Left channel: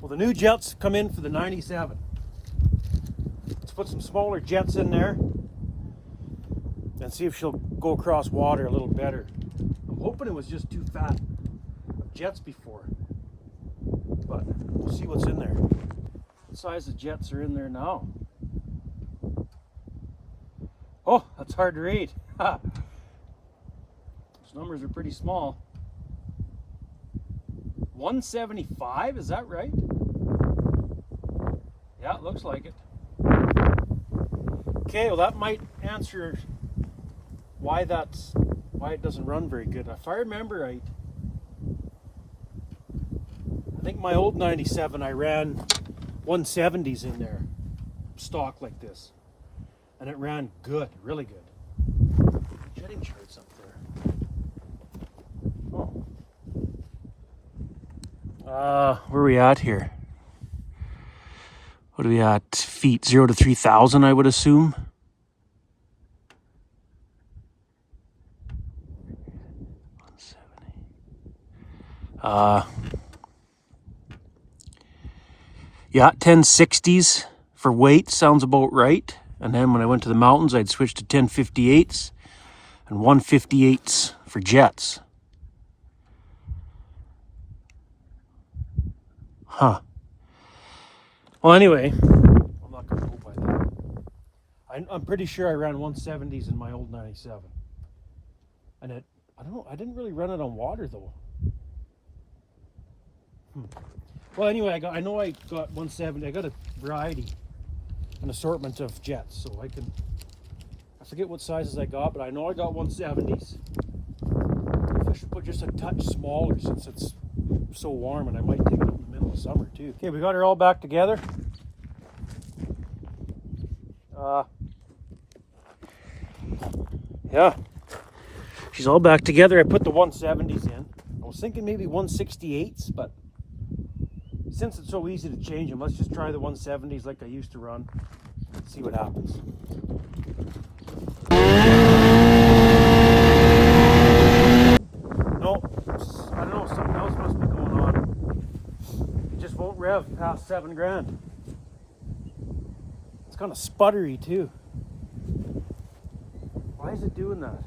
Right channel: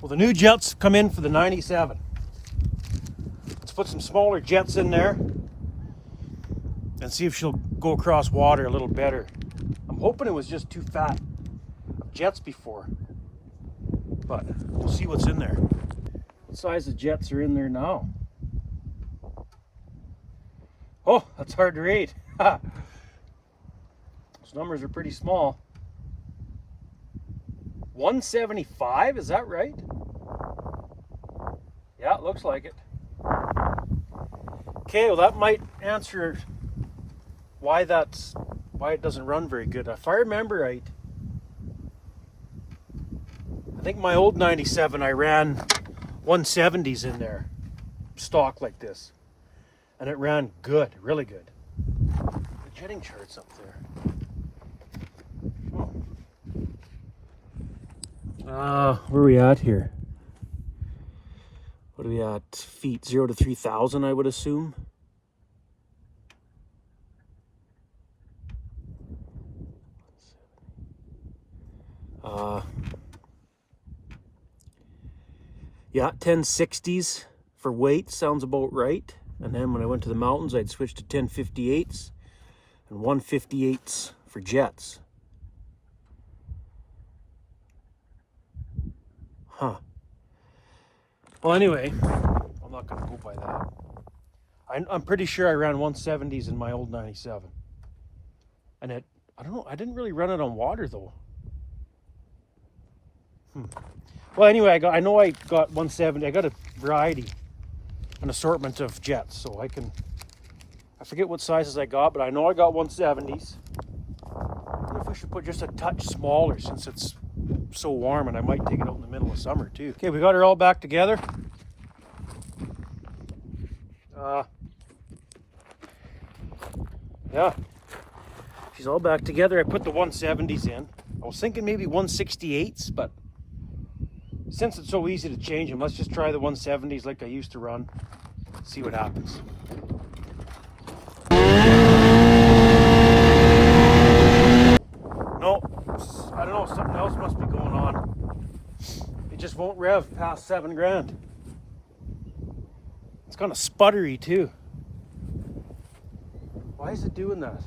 Well, the new jets come in for the 97. Let's put some smaller jets in there and see if she'll go across water a little better. I'm hoping it was just too fat of jets before, but we'll see what's in there. What size of jets are in there now? Oh, that's hard to read. Those numbers are pretty small. 175, is that right? Yeah, it looks like it. Okay, well that might answer why it doesn't run very good. If I remember right, I think my old 97 I ran 170s in there, stock like this, and it ran good, really good. The jetting chart's up there. Oh. Where are we at here? What are we at? Feet 0 to 3,000, I would assume. Yeah, 1060s for weight sounds about right. And then when I went to the mountains, I'd switch to 1058s and 158s for jets. Huh. Well, anyway, I'm not going to go by that. I'm pretty sure I ran 170s in my old 97. And I don't know, I didn't really run it on water though. Well, anyway, I know I got 170. I got a variety, an assortment of jets, so I forget what sizes I got, but I know I got 170s. I wonder if we should put just a touch smaller since it's so warm, and I might take it out in the middle of summer too. Okay, we got her all back together. Yeah, she's all back together. I put the 170s in. I was thinking maybe 168s, but since it's so easy to change them, let's just try the 170s like I used to run. See what happens. No, I don't know, something else must be going on. It just won't rev past 7 grand. It's kind of sputtery too. Why is it doing that?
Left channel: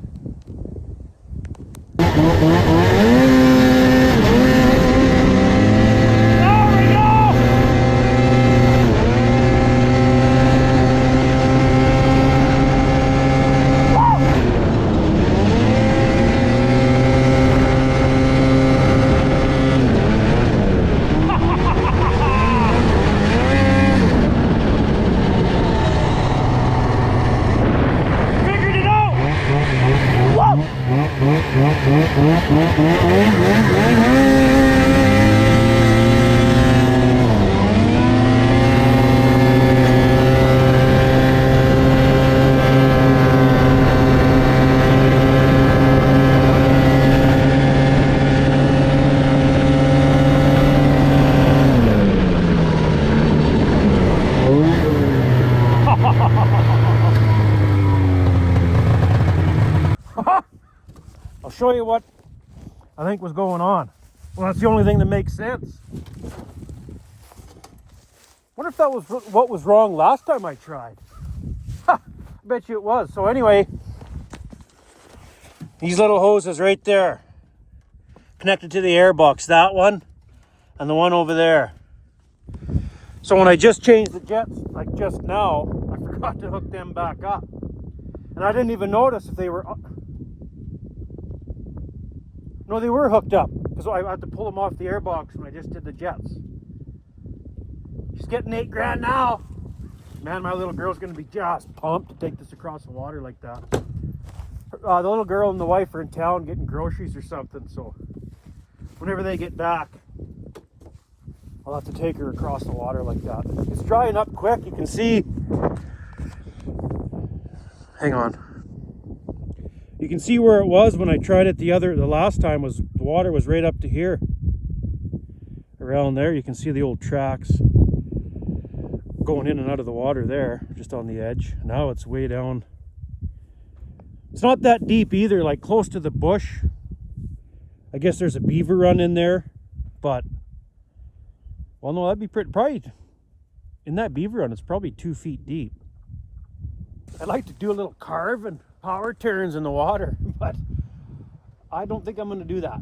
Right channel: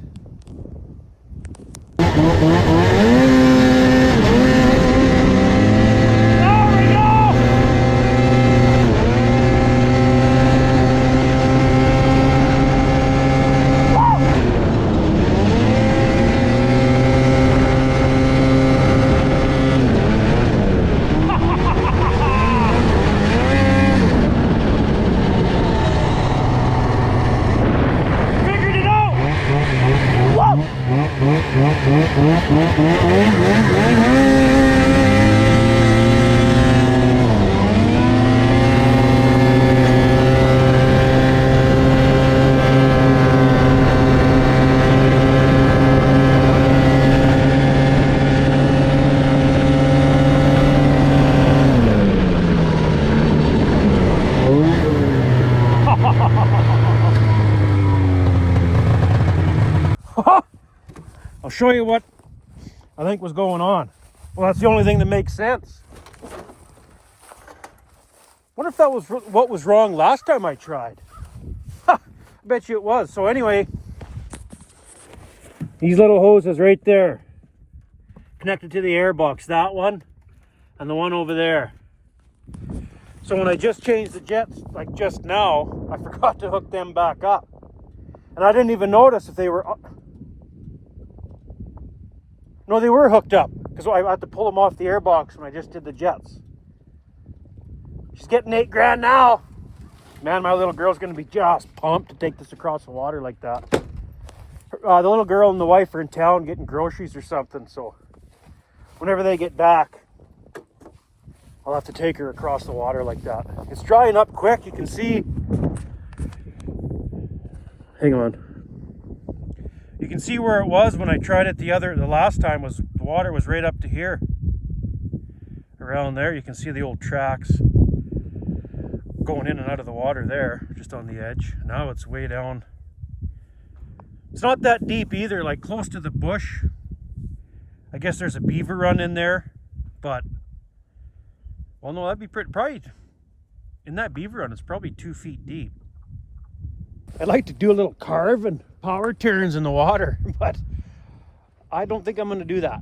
I'll show you what I think was going on. Well, that's the only thing that makes sense. Wonder if that was what was wrong last time I tried. Ha! I bet you it was. So anyway, these little hoses right there, connected to the airbox, that one and the one over there. So when I just changed the jets, like just now, I forgot to hook them back up. And I didn't even notice if they were... No, they were hooked up, because I had to pull them off the airbox when I just did the jets. She's getting 8 grand now. Man, my little girl's going to be just pumped to take this across the water like that. The little girl and the wife are in town getting groceries or something, so whenever they get back, I'll have to take her across the water like that. It's drying up quick. You can see... Hang on. You can see where it was when I tried it the last time. Was the water was right up to here. Around there, you can see the old tracks going in and out of the water there, just on the edge. Now it's way down. It's not that deep either, like close to the bush. I guess there's a beaver run in there, but Well, no, that'd be probably, in that beaver run, it's probably 2 feet deep. I'd like to do a little carve and power turns in the water, but I don't think I'm going to do that.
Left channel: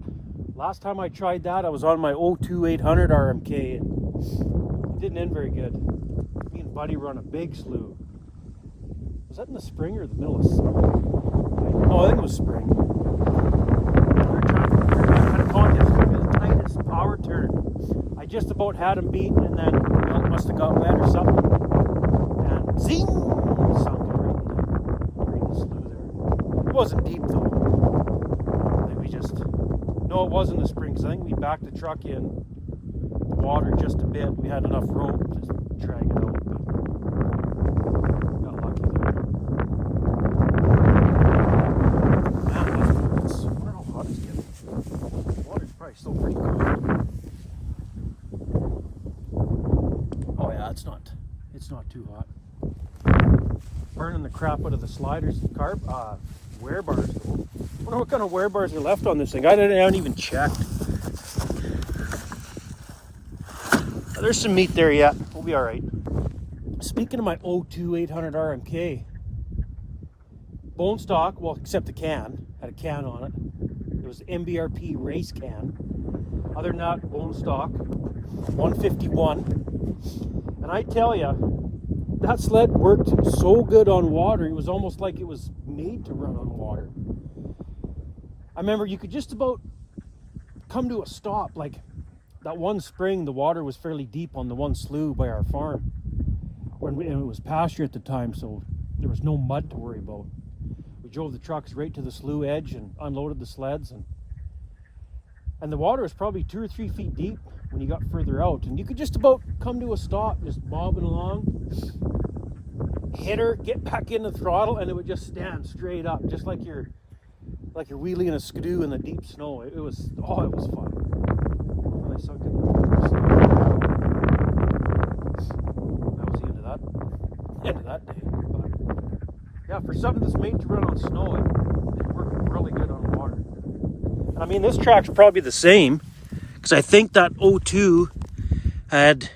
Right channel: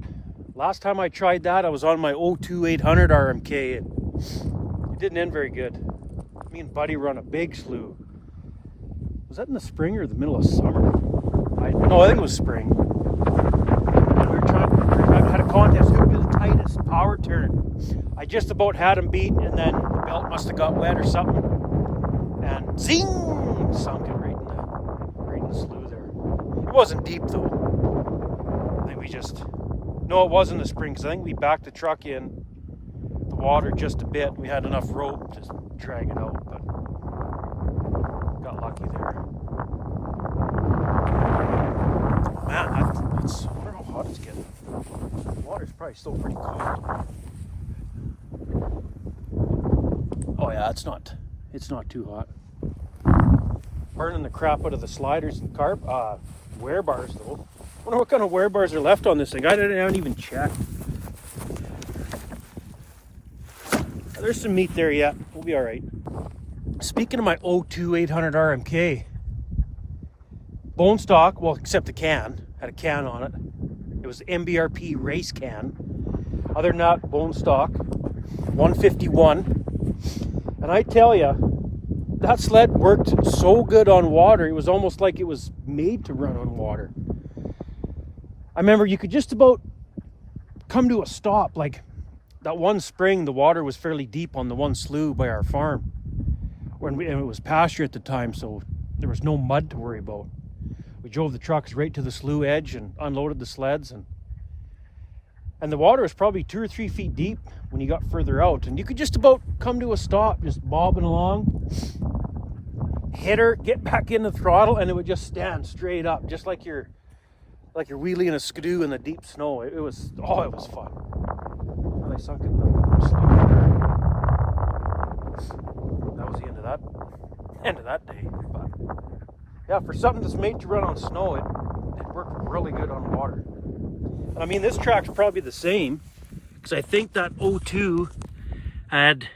Last time I tried that, I was on my 02 800 RMK, and it didn't end very good. Me and Buddy run a big slough. Was that in the spring or the middle of summer? No, I think it was spring. We were had a contest. It was going to be the tightest power turn. I just about had him beat, and then the belt must have got wet or something. And zing! Sunk it right in the slough there. It wasn't deep though. I think we just... No, it was in the spring, because I think we backed the truck in the water just a bit. We had enough rope to drag it out, but got lucky there. Man, I wonder how hot it's getting. The water's probably still pretty cold. Oh yeah, it's not too hot. Burning the crap out of the sliders and wear bars though. I wonder what kind of wear bars are left on this thing. I haven't even checked. There's some meat there yet. We'll be all right. Speaking of my 02 800 RMK, bone stock, well, except the can, had a can on it. It was the MBRP race can. Other than that, bone stock, 151. And I tell you, that sled worked so good on water, it was almost like it was made to run on water. I remember you could just about come to a stop. Like that one spring, the water was fairly deep on the one slough by our farm. And it was pasture at the time, so there was no mud to worry about. We drove the trucks right to the slough edge and unloaded the sleds. And the water was probably 2 or 3 feet deep when you got further out. And you could just about come to a stop, just bobbing along. Hit her, get back in the throttle, and it would just stand straight up, just like you're wheeling a skidoo in the deep snow. It was fun. And I sunk it in the that was the end of that day. But yeah, for something that's made to run on snow, it worked really good on water. And I mean, this track's probably the same, because I think that 02 had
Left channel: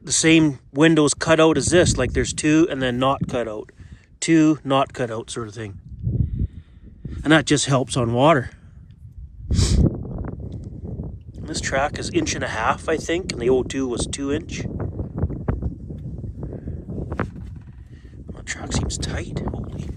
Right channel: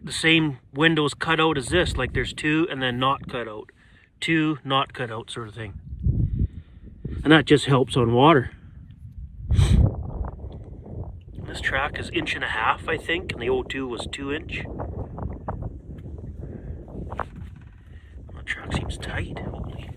the same windows cut out as this. Like there's 2 and then not cut out. 2 not cut out sort of thing. And that just helps on water. And this track is 1.5 inches, I think, and the 02 was 2 inch. That track seems tight. Holy.